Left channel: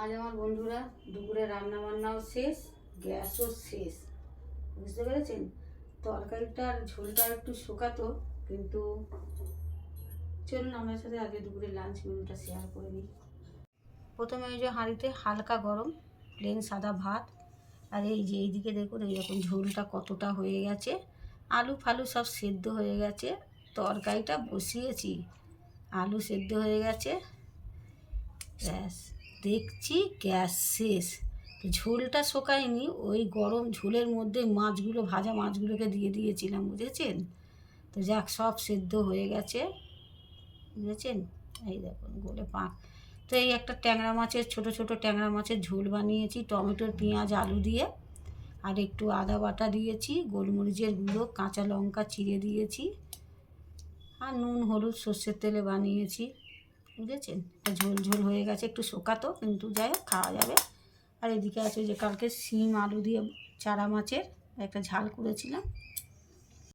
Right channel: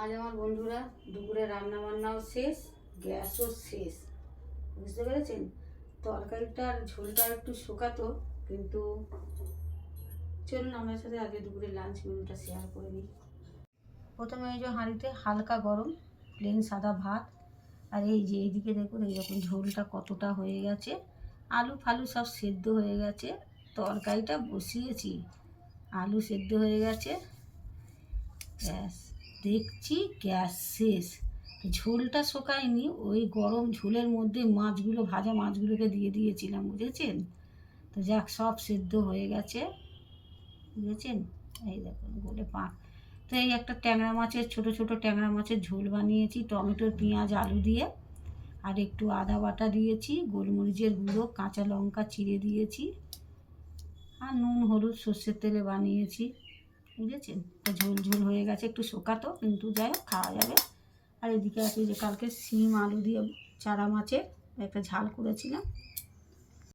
আজ আমার বন্ধুরা দুপুরে রান্না বান্নাও শেষ, গ্যাসও শেষ, বুঝতে পেরেছেন। তরকারিটার ঝোলটা একটু শুকাতো, কিন্তু চলুন আপনার সাথে আগে দুপুরে লাঞ্চ মেনুটা শেয়ার করে নিই। প্রথমে ওই যে হাঁড়িতে হালকা গরম প্লেন সাদা ভাত, আর এই যে এইদিকে দেখুন এইরকম ঝোলটা কতটা হয়ে গেছে, আলু ফালু সব সেদ্ধ হয়ে গেছে। তরকারিটা বসিয়েছি, আলু সেদ্ধ হয়ে গেছে, ব্যাস দেখছি গ্যাস শেষ। ঝোলটা শোকায়নি, ওই গরম ঝোলের মধ্যে মাছগুলো, ভাজা মাছগুলোকে দিয়ে দিয়েছিলাম, বুঝেছেন। তো যাক, সব সেদ্ধ হয়ে গেছে, বুঝেছেন। এই দেখুন বলে পাক। তো এই একটা ট্যাংরা মাছের, ছোট ছোট ট্যাংরা মাছের ঝোল বানিয়েছি টমেটোর পেঁয়াজ আলু দিয়ে, আর একটু আদা বাটা দিয়েছি, গোলমরিচের গুঁড়ো, কাঁচা লঙ্কা চিড়ে দিয়েছি, আর নুন হলুদ সর্ষের তেলে বানিয়েছি, বুঝেছেন। ঝোল ঝোল হয়ে গেছে, একটু শোকাতো, কিন্তু যাই হোক খাওয়া যাবে। আর এদিকে আছে যে কালকে শিম আলু দিয়ে চারা মাছের একটা ঝাল করেছিলাম,